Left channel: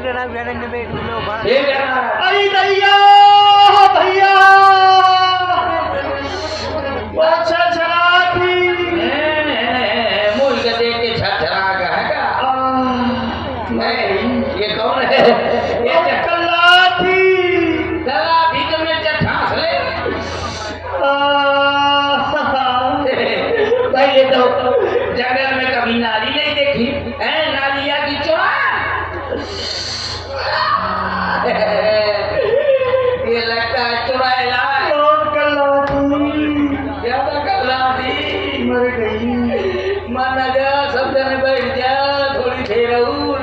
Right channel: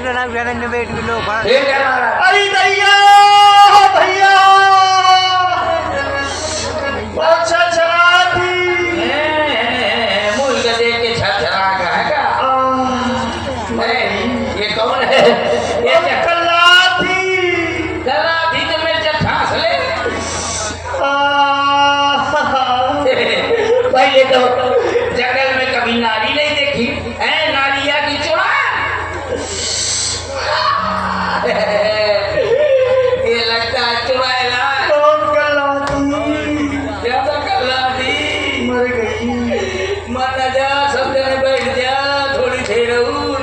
ठीक है महाराज। अरे दैया भैया अच्छा चला थी मुझ के देख के छरछरा का है क्या? ये कौन है? ये कल्ला थी गला थी तो मेरे से ठास ले। पहले तो जंगल में कभी नारी नहीं देखी है, नारिया की चुड़ा। ये लगता है चुड़ैला। कौन कल्ला थी? ज्यादा कल्ला थी, मर गई। मर न जा, सब जने बैठ जा, थोड़ी देर और।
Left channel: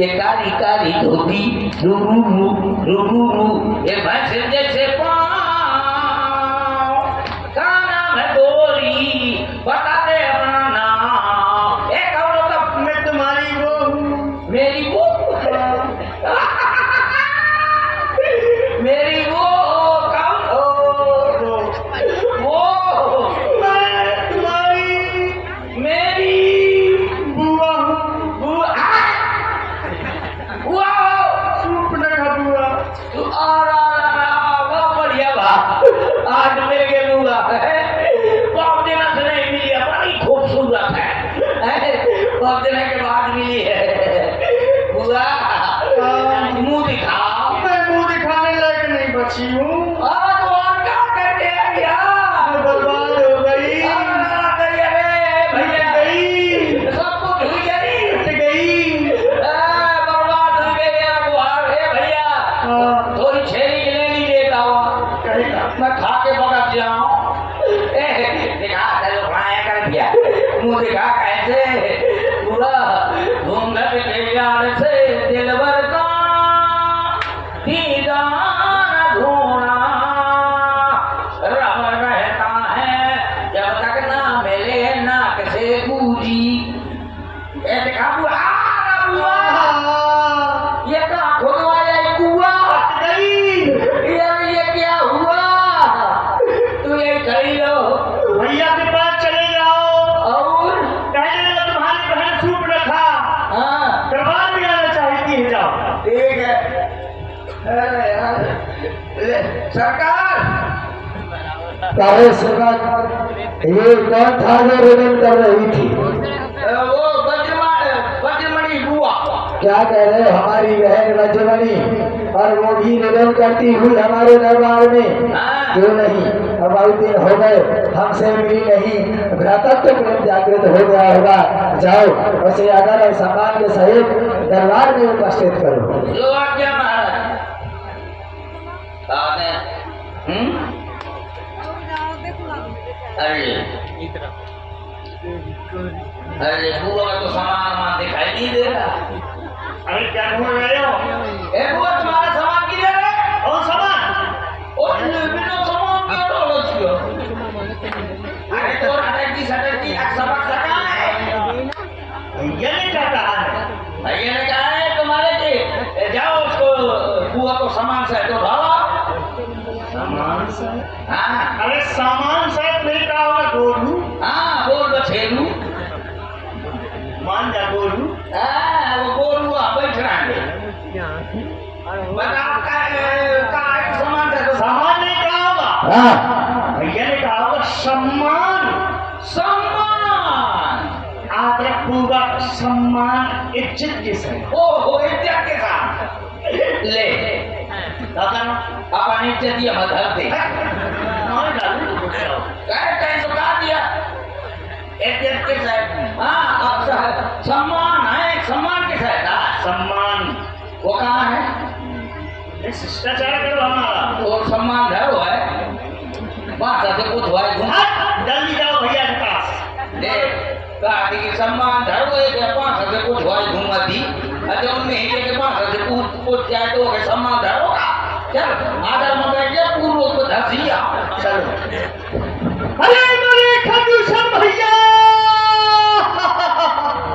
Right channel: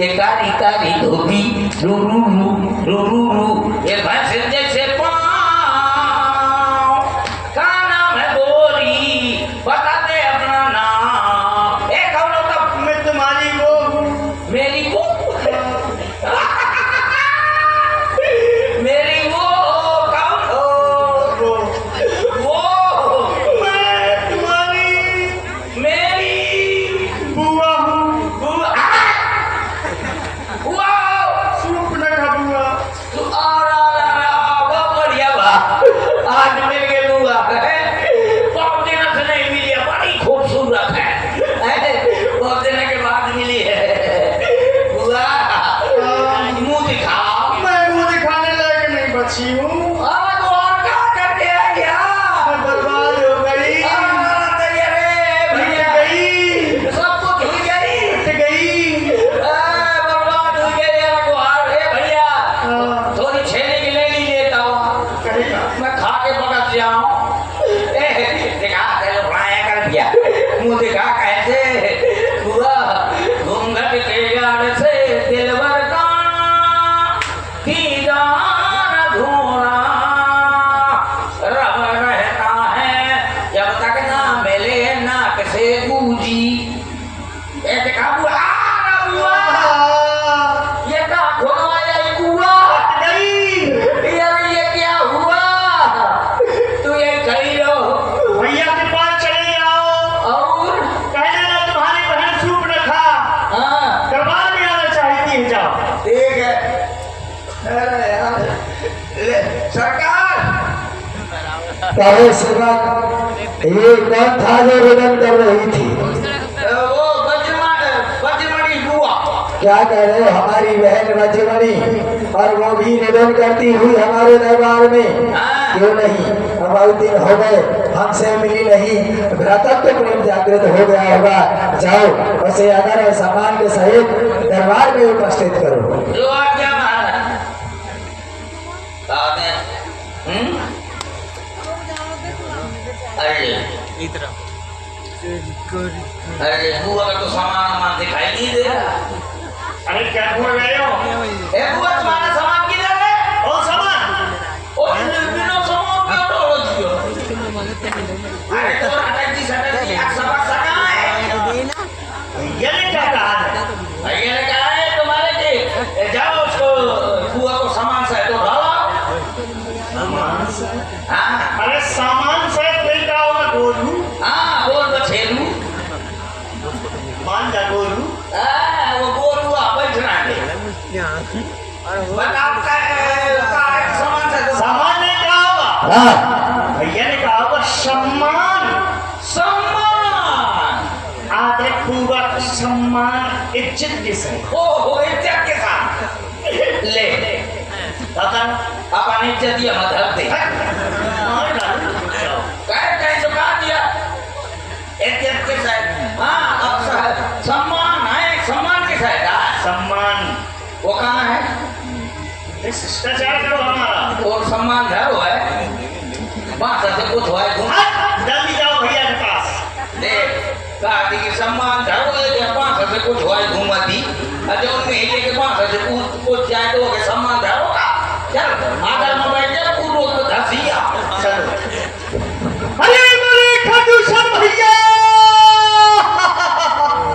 ये कारी कारी धोती रू रू रू रू रू रू, ये भैंस जैसे पाँव का नाम है बोली, बता दे अपना नाम। एक कौन होता? मैं तुम्हारी वो मेरी वो मेरी वो कौन हो? वो मैं तुम्हारी मेरी बुआ हूँ। बुआ। वो सुपनखा बुआ। तू वो बढ़िया बा। आज मेरे बुआ है, बहुत दिनों से नहीं मिली है, बड़ी खूबसूरत है। बहुत दिनों के बाद मिली है बुआ। मुंह दिखाओ। मैं मुंह दिखाने लायक नहीं बची हूँ। अरे तो और क्या करके आ गया? मैं बर्बाद हो गई। भैया गई सब कुछ हुई गई, हट गई। बर्बाद हो गई। भैया थोड़ी छेली की ले ली लेता हुआ, कहेगा मैं खा के बगत जाऊं। दिखा चलो खाया कर भैया, मुंह दिखा कैसे पूरा घूंघट के यार से दिलबर का दीदार धोना रब रहता है जब तक ना मिले नाक से गूंजी। ये दिखा बुआ, बुआ ये कहाँ खुलवाया कुआ? हट गई। यार ये क्या हुआ? तू यही खड़ी रहो भैया के पास चले जाओ और कह देना तुम्हारी बहन सुपनखा हाँ दरबार में आना चाहती है। जाओ। ठीक है। अरे यार सरकार काहे सेवक, ये कौन था जो रोदन कर रही थी? वो वज्रमणि बुआ। क्या कह रहे हो? हमारी बहन वज्रमणि, और वो भी रोदन करती हुई हमारे दरबार में? हाँ। क्यों नहीं? अब बहुत दिन हो गए हमसे मिली नहीं, भ्रातृत्व प्रेम जागृत हो गया होगा। जाओ उसे आदर और सम्मान के सहित दरबार में उपस्थित करो। जो आज्ञा महाराज। अरे बुआ का तो सामान दिखाई नहीं दे रहा। अरे क्या ढूंढ रहे हो? ए बुआ तुम्हारा सामान किधर है? और सामान और बिना सामान क्यों ढोलो जियो? अरे तो अटक जी सबक सका है। भैया ने क्या कहा है? भैया ने कहा है तुम्हारे कि जाओ उसको बुआ को सामान से तो ढालो। सामान से? हाँ अरे सामान से फिर क्या होगा? गोलू हाँ बोल बछेलू। मान जा गोलू। वो गोलू बैठ रहा है। बताओ सामान से तो सामान ने कहा होगा? हाँ, भैया ने कहा होगा सम्मान। सम्मान। आदर पूर्वक सम्मान इज्जत के साथ। ओहो इज्जत के साथ ले अपन इज्जत दिया मधर दे कहीं तो कहा दिया इज्जत के साथ। हाँ अब सम्मान है, सम्मान के साथ सम्मान वो कहाँ है? शिष्टाचार करो हमारा। और सम्मान धरो है भाषा से कुछ हुआ है जल्दी जाओ भैया के पास। देख कहा थी कि सम्मान धरो है क्या? भाषा से कुछ हुआ है घूमती अच्छा उनमें ही के भाषा से पूछ जाए तो वो सम्मान धरो का। चल आदर में बैठ गया पूर्व को धसिया। चलो अरे मेरे खजूसम भैया।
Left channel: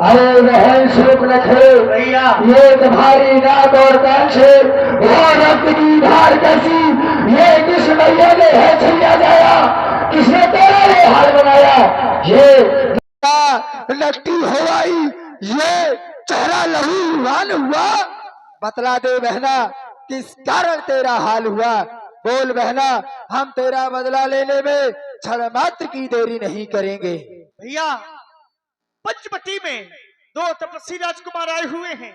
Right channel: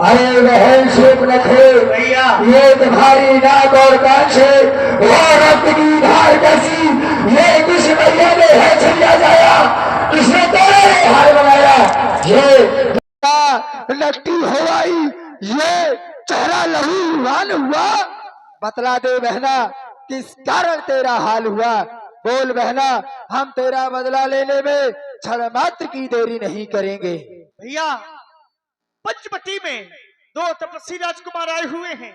अरे बहन सुपनखे भैया ये तुम्हारी नाक और कान से वो रक्त की धार कैसी? ये किस भैया ने है छलिया जाया? किसने तेरे हाल बनाया? ये लगती हवाई ये चेहरा लहूलुहान हुआ? बतला दे बहना, किस कारण तेरा हाल हुआ? बोल बहना, हम तेरा बदला लेने में क्षण मात्र की देरी नहीं करेंगे। भैया, पंचवटी में 2 तपस्वी राजकुमार आए हुए हैं।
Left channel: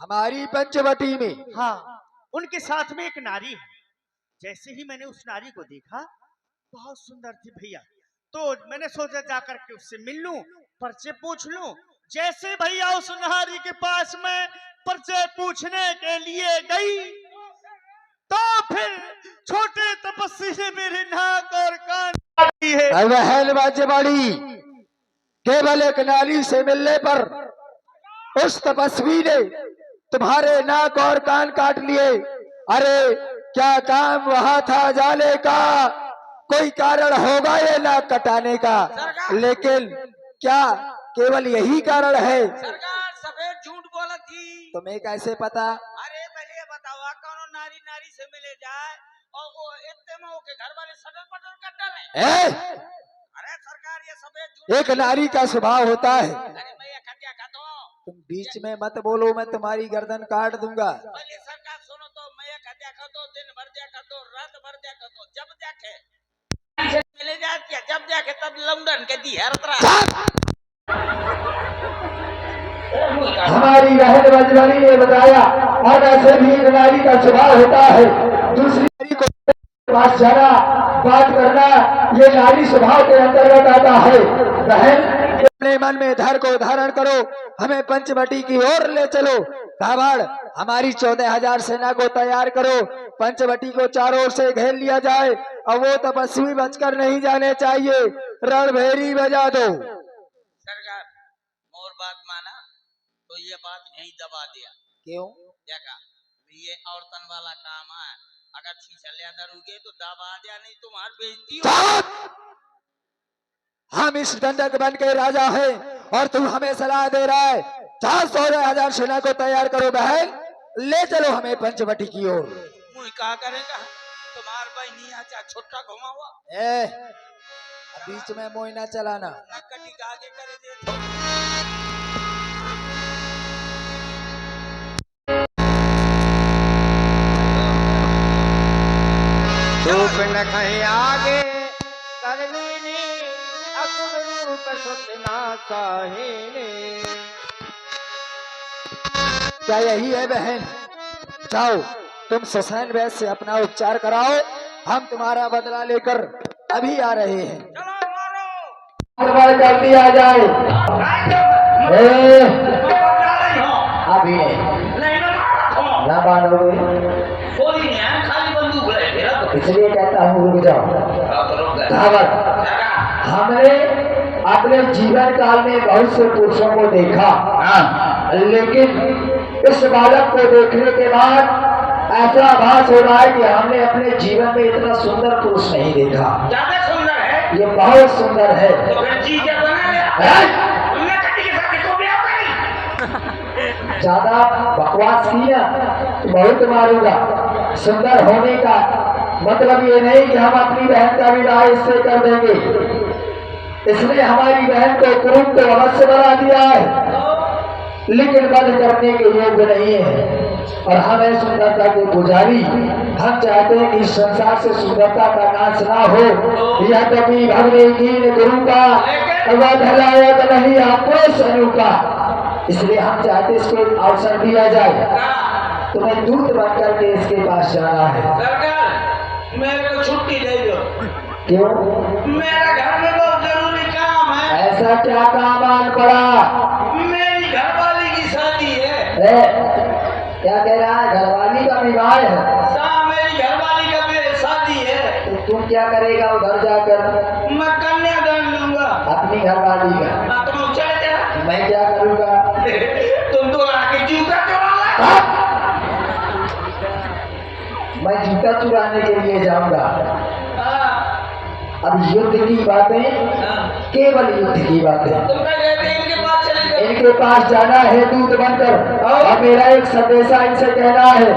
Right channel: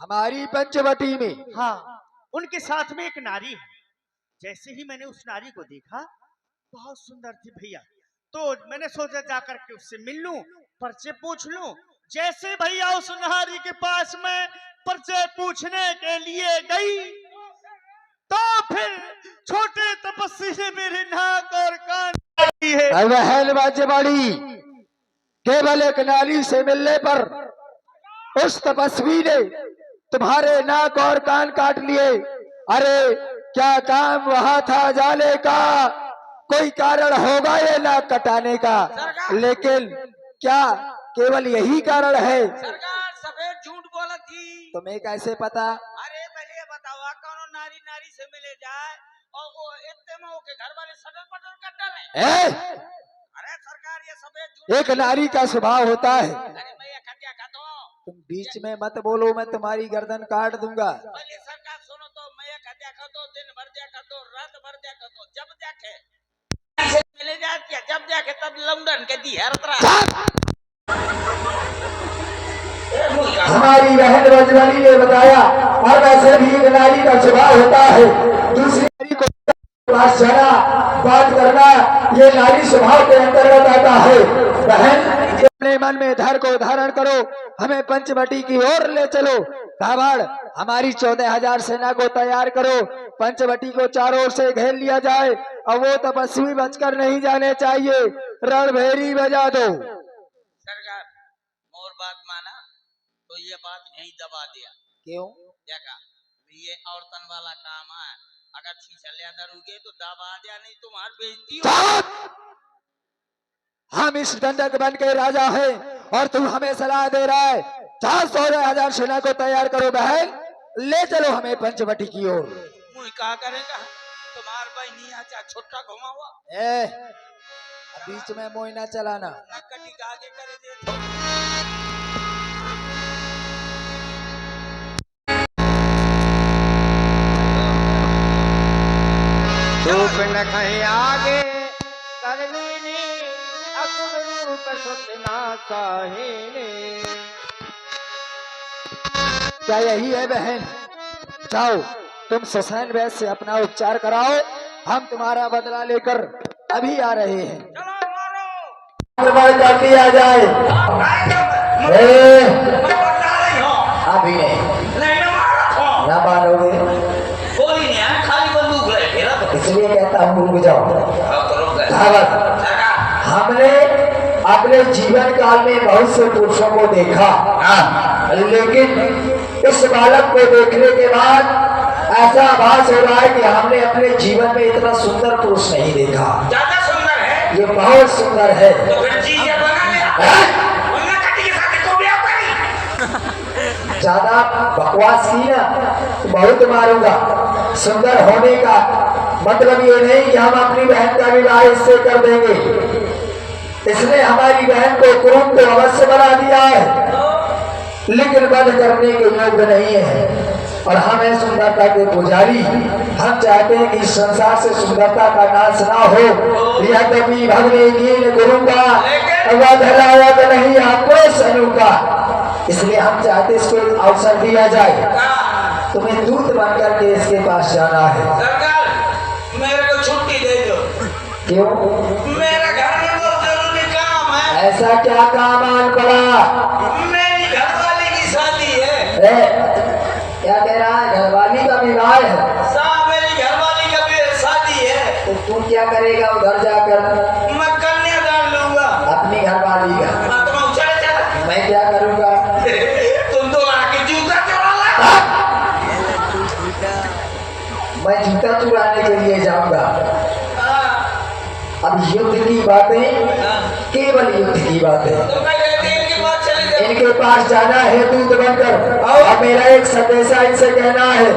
हमारी पंचवटी में? हाँ, उनके साथ में एक नारी है। जैसे ही मैंने उस नारी को देखा, बहुत सुंदर थी भैया, तो मैंने सोचा जाकर के उससे मिल लूं, परिचय पूछ लूं। जैसे भैया उस नारी के पास में परिचय पूछने के लिए गई, तो फिर छोटे तपस्वी ने मेरे नाक और कान काट दिए। बहन बाजेबाड़ी, केवल एक नारी से मिलने पर उस तपस्वी ने तुम्हारे नाक और कान काट लिए। अरे क्या काम वहां था जाने का? कोई कारण होगा ये नाक कटाने का, लेकिन क्या केवल यही कारण है? सरकार सफेद झूठ बोला थी। तुम्हें कैसे पता? अरे पहले बताओ, कौन नारी नारी से मिले जाए और वो इतने में के घर वाले सटर पटर कर रहे। अरे सरकार, ये सफेद झूठ। एक नारी का स्वभाव होता है। अरे भैया खटिया खा दो। तुम बीच में मत बोलो, मैं तुम्हारी गर्दन काट दूंगा। पहले सरकार सुनो तो, मैं खटिया खा दो, दिन भर दिया कर दो, रात भर दिया कर दो, जब देखे मिले जाए क्या, जब देखे तब लंदन के दी हर तरह। हमारी बहन बजवानी ने बताया, और वैसे भी एक नारी का स्वभाव होता है दूसरी नारी को पास जाना, बात करना, ये नारी स्वभाव के अंतर्गत आता है। बहन, अपने मन में धैर्य को धारण करो, हमें पंचवटी की ओर ले चलो। कावड़, हमारी 14,000 सेना को तैयार करो, पंचवटी को चारों ओर से घेर लिया जाए और वो तपस्वी बचकर नहीं जाने चाहिए। रणभेरी बजा दो। सरकार, मोर बात माना तो ये बात यहीं दबा दिया। क्यों? देखा, ये औरतन वाला काम है। अगर छीछले अंदर उगे तो दबा दिया, नहीं तुम्हारी बेइज्जती हो। हम इस दंडक बन के राजा हैं और तू हमें सलाह दे रहा है। 14,000 सेना को तैयार करो बहन, ले चलो हमें पंचवटी की ओर। मुझे कहा करेगा, तुम्हार बहनी आचा छोटा घुमा हुआ। बीच में मोई ना चलाना। कटी का आगे करे दे तो। धूप न कहीं आगे करनी अकुरूप सुतना चाहिए। क्या यही है बहन? जाओ, तुम ससैन वैद से अपना उपचार कराओ, हम तुम्हारा बदला लेकर अभी आ रहे हैं। चलो मारो। कर दिया जाए। अभी नहीं, नहीं ना मारो। ना मानोगे कोई नहीं है, खाली बंदूक है फिर तो। इसलिए कहता हूँ रुक जाओ। सरकार, हमने अपने जीवन काल में बहुत से पुरुषों को देखा, लेकिन इस बालक को देखने के बाद ऐसा आभास हो रहा है कि हमने अपने जीवन में इतना सुंदर पुरुष नहीं देखा। ज्यादा सुंदर है। ये बहुत सुंदर है। तो फिर चीज बना लिया। उन्हें कटी के साथ इसको भी आप ज्यादा बकवास की ना तो बहुत मारूंगा। सुंदर होने का मतलब ये नहीं कि हम अपनी बहन का विवाह इससे कर देंगे। इसने हमारी बहन को कुरूप तो अवश्य बना दिया है, लेकिन वध करने के योग्य नहीं है। और हम है सुंदरता के पुजारी। हम चाहते हैं कि इस संसार से सुंदरता का नाश ना हो। यह तभी भगने की गुरु का वध लायक नहीं आपको सनु का। इसलिए हम चाहते इसको एक अवसर दिया जाए। तुम्हें दूत बनकर के इसके पास जाना है। सरकार, मेरे को छुट्टी दे दो। क्यों? मेरा घर में बहुत जरूरी काम है। ऐसा क्या काम आन पड़ा? मेरी घरवाली की शादी है। क्या कह रहा है? घरवाली का विवाह है? मेरी घरवाली का भी शादी है। तो तुम क्या करेगा उधर जाकर? मैं कन्यादान लूंगा अपनी घरवाली का। तुम चला मैं क्या करूंगा? तुम तो आके जूता चुरा ला। मैं जूता चुराने के लिए जाऊंगा? अब युद्ध की बातें, केवल युद्ध की बातें। तुम इनके पास चले जाओ। इनके पास जाना है दूत बनकर, और मेरा एक संदेशा इनसे कहना है।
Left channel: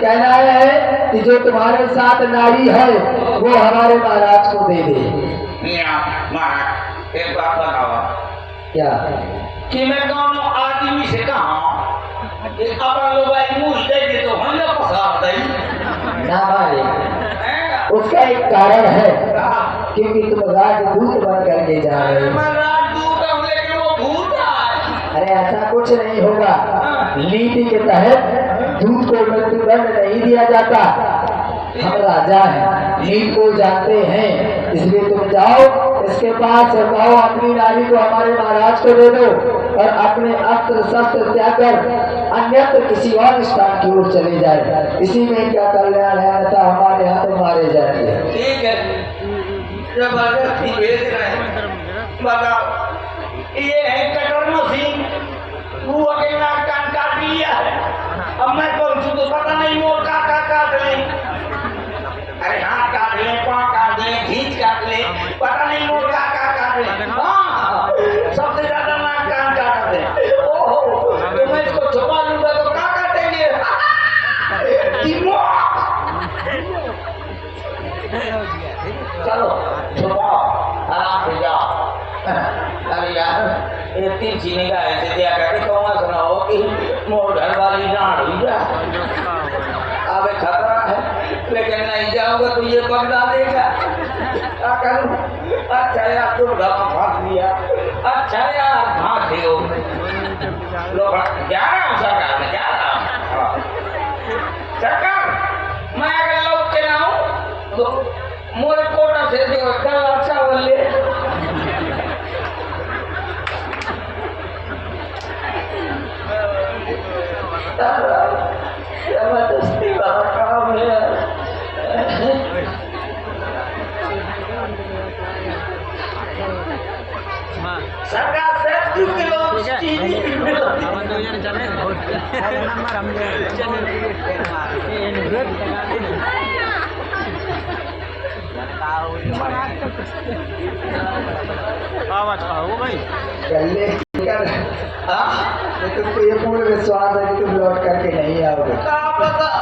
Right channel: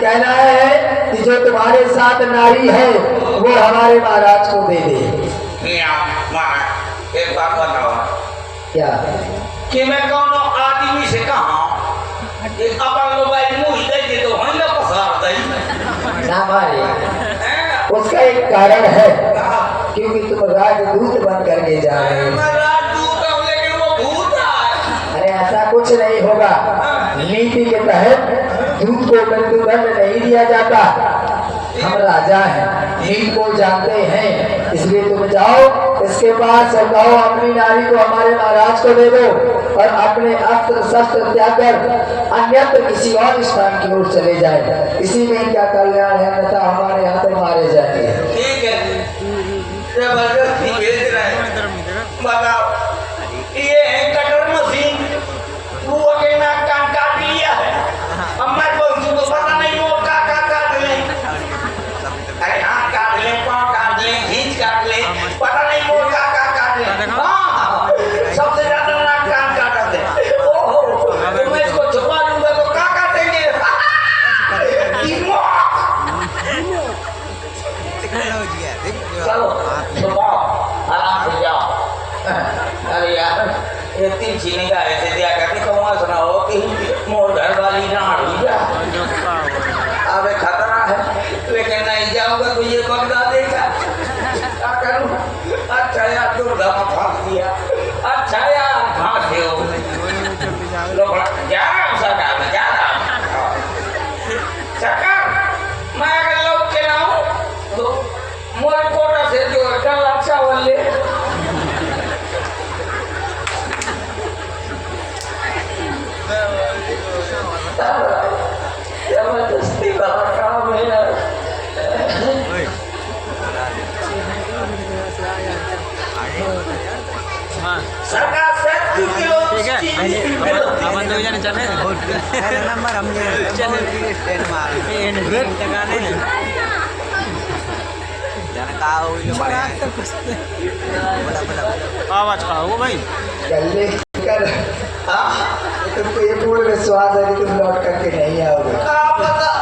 कहना है कि जो तुम्हारे साथ नारी है वो हमारे महाराज को दे दे। महाराज, एक बात बताओ। क्या? कि मैं कौन एक अपन लोग भाई मुंह दे दे तो हम ना पसार दे ना मारे हैं उसका एक कारण है कहा क्योंकि तुम राजदूत बन करके जा रहे हो मैं राजदूत हूं लेकिन वो भूत है अरे ऐसा कुछ नहीं होगा नीति के तहत दूत को मृत्युदंड नहीं दिया जाता हम राजा हैं नीति को जानते हैं इसलिए तुम जाओ इसके पास और कहो अपनी नारी को हमारे महाराज को दे दो और अपने अस्त्र शस्त्र त्याग कर अन्यत्र किसी और स्थान की ओर चले जाए इसी में इनका कल्याण है अन्यथा हमारे यहाँ तो मारे जाएंगे ठीक है जबरदस्ती भेज रहे हैं बताओ ये है कटर मशीन तू अकेला कान काट लिया है अब मैं पहुंचू तो पता नहीं वो का काट ले अरे हाँ काट ले पाँव काट ले खींच काट ले पता नहीं वो का काट ले हाँ सबसे ज्यादा नाक कान काटते हैं ओहो तो मैं इसको छुपा लूंगा तो का काटेंगे चलो छुपाओ आराम से जाओ अरे यार ये 3 चीनी का ऐसे दिया करके कहूँगा सुनाओ कि मोर घर वाली डांट हुई जा अब खतरा है लेकिन नहीं जाऊंगा तो ये बगदा देगा क्या करूँ अच्छा यार दुर्गा में फंस दिया अच्छा यार फांसे हो लोग जा रहा हूँ सरकार में जा रहा हूँ सरकार मैं अगर लौट के ना हूँ तो मोर कोटा से जो कल अच्छा वाले जबरदस्ती वाला काम है सरकार से 2 किलो चीनी मिलो आवाज का हो भाई गले कर तुमको ये पूर्ण विश्वास है कि तुम लौट करके नहीं आओगे का पता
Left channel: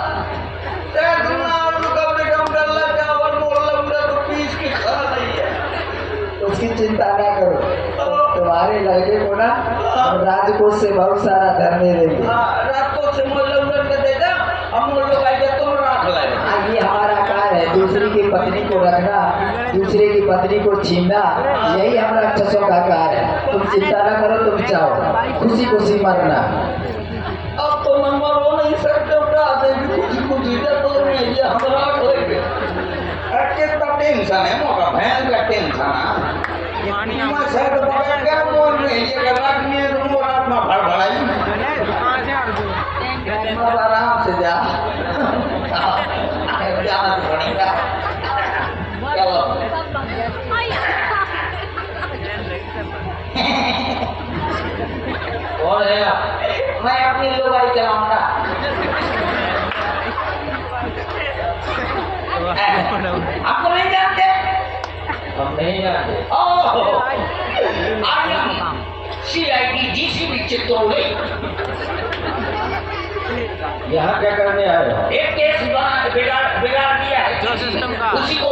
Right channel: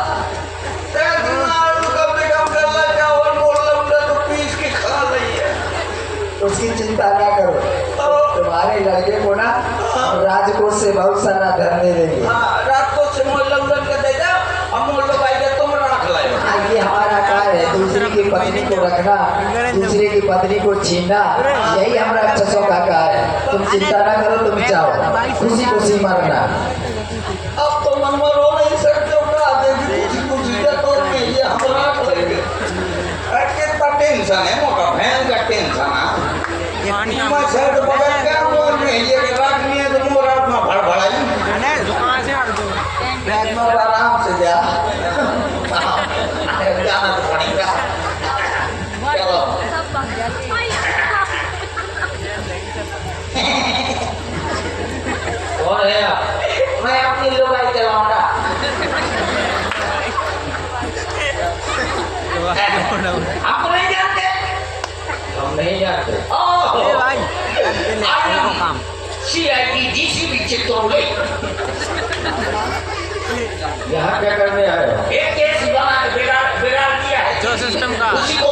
उसकी चिंता ना करो तुम्हारे लड़के को ना हम राजकोष से बहुत सारा धन दे देंगे रात को से मोल लंदन कर देगा हम मोल लोग आएंगे तुम रख लाए ये हमारा कार्य है दूसरी की पत्नी को रखना दूसरे की पत्नी को छीनना यही हमारा अच्छों का कार्य है तुम चिंता ना करो तुम जाओ खुशी खुशी मरना अब तो मन रो नहीं सकते उठा देगी खुशी खुशी तो ये हम रख लेंगे कितना टेंशन है मोटा भैन का टेंशन है मैं शर्ट पकड़ के मोर में ये रखनी है तो मोर अपना भड़बड़ाई आराम से जा जाना तो पड़ेगा चलो कौन है मैं अपनी लुगाई चलाऊंगा आपको नहीं जानते हम नहीं जानते CID DCP चित्तौड़गढ़ यहाँ क्या करने आए हो? एक केस बिगाड़ दिया है उसी को